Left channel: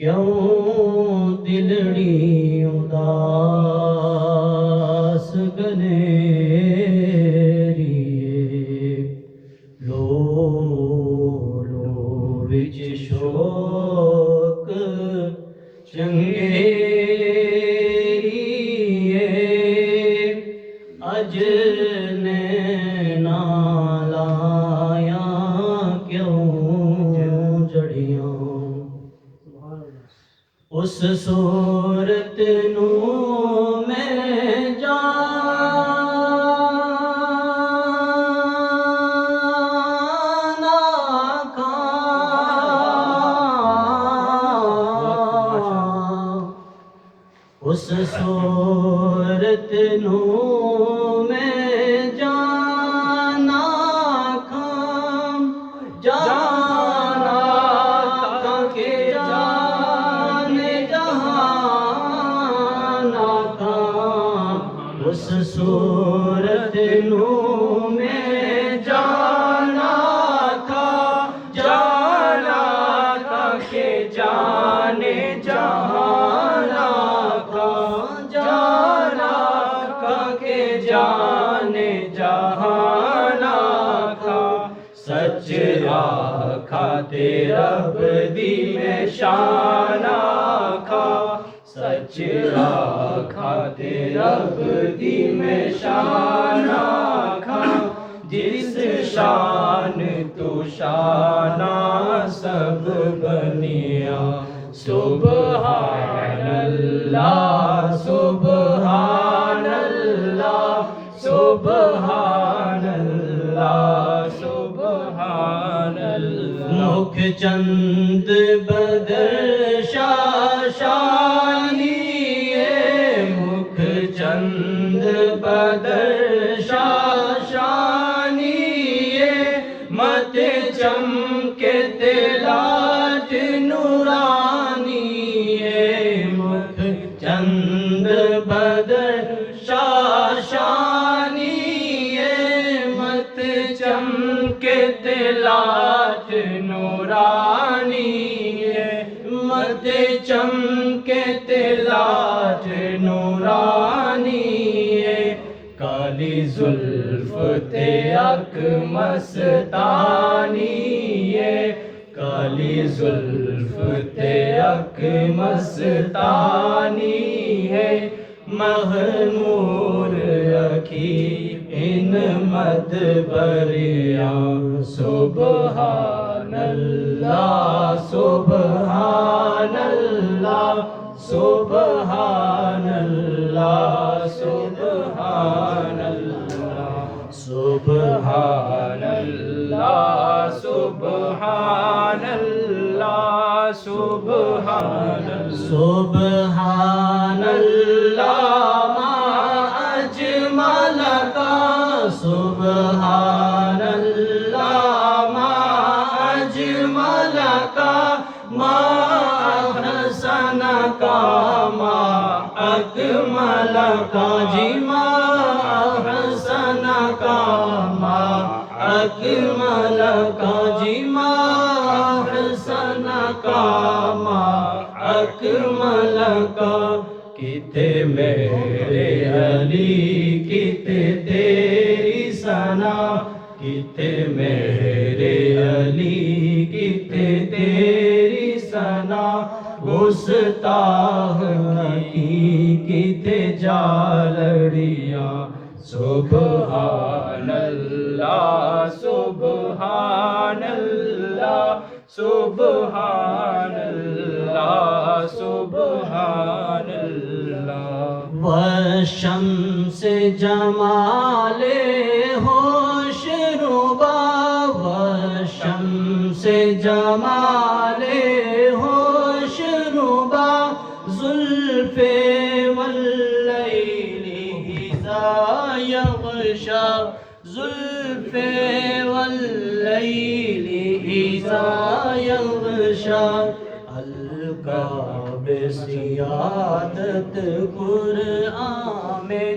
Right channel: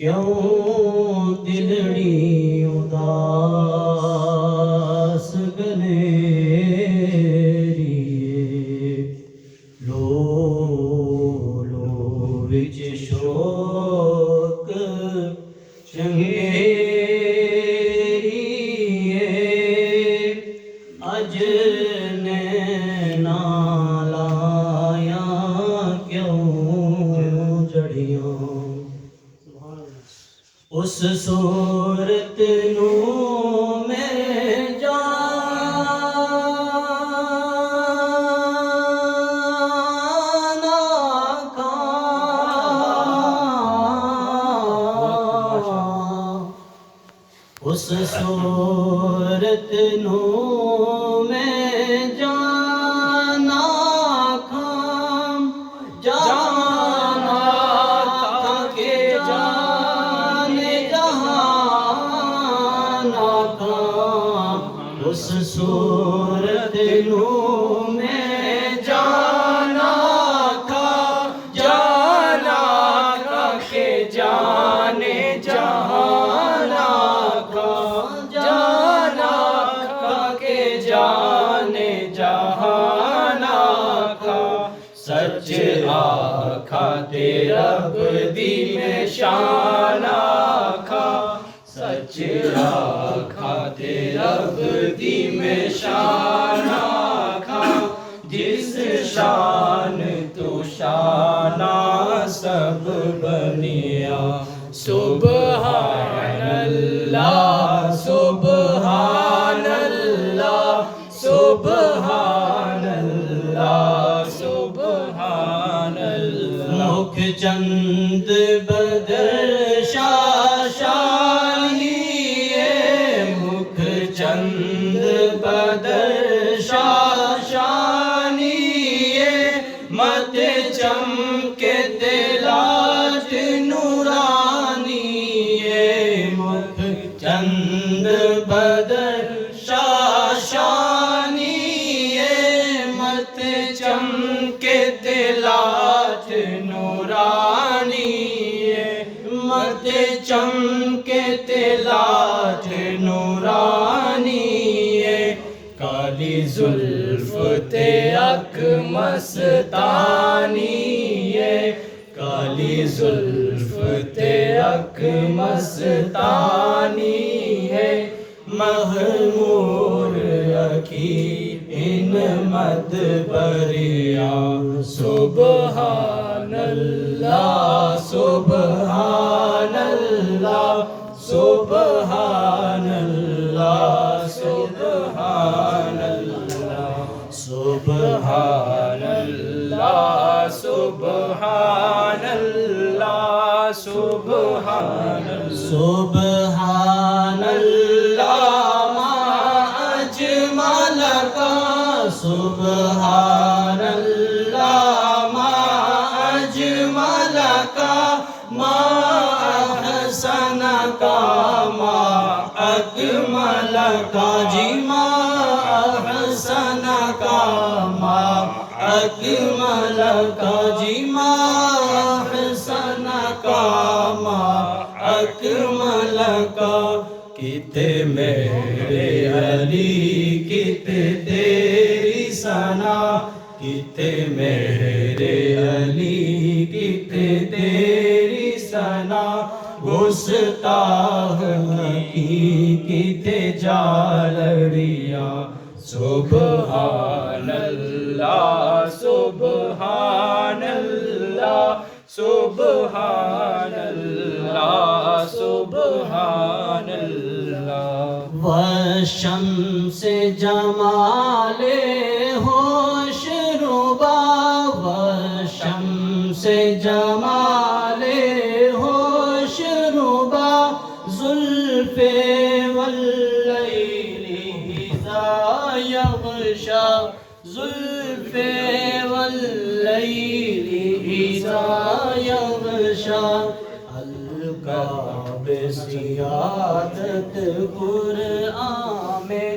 کیوں دلڑی اداس گنیریے لو لو وچ شوق چنگیریے اج نینا لایا کیوں جڑیاں اس صورت نو میں جانا کھاں اس صورت نو میں جانا کھاں جانا کھاں کے اس صورت نو میں جانا کھا جانا کھا کے جانے جانا کھا جانا کھا کے جانے جانا کھا سچ آکھا تے رب دی میں شانہ کھا سچ آکھا تے رب دی میں شان آکھا جس شان تو شانہ سب بنیا سبحان اللہ سبحان اللہ سبحان اللہ سبحان اللہ مکھ چند بدر شاشانی مکھ چند بدر شاشانی مت چمکے تلاج نورانی مکھ چند بدر شاشانی مت چمکے تلاج نورانی مت چمکے تلاج نورانی کالی زلف تے اک مستانی کالی زلف تے اک مستانی محمور اکھی ان مد بریاں سبحان اللہ سبحان اللہ سبحان اللہ سبحان اللہ سبحان اللہ سبحان اللہ سبحان سبحان اللہ ما اجمل کا سبحان اللہ ما اجمل کا ما احسن کا ما اکمل کا جی ما احسن کا ما اکمل کا جی ما احسن کا ما اکمل کا کتے میرے علی کتے تیری ثنا کتے میرے علی کتے تیری ثنا گستاخ کی کتے جالڑیاں سبحان اللہ سبحان اللہ سبحان اللہ سبحان اللہ والشمس جمال ہوش ربا والشمس جمال ہوش ربا زلف واللیل اذا یغشا زلف واللیل اذا یغشا القاب سیادت قرآن میں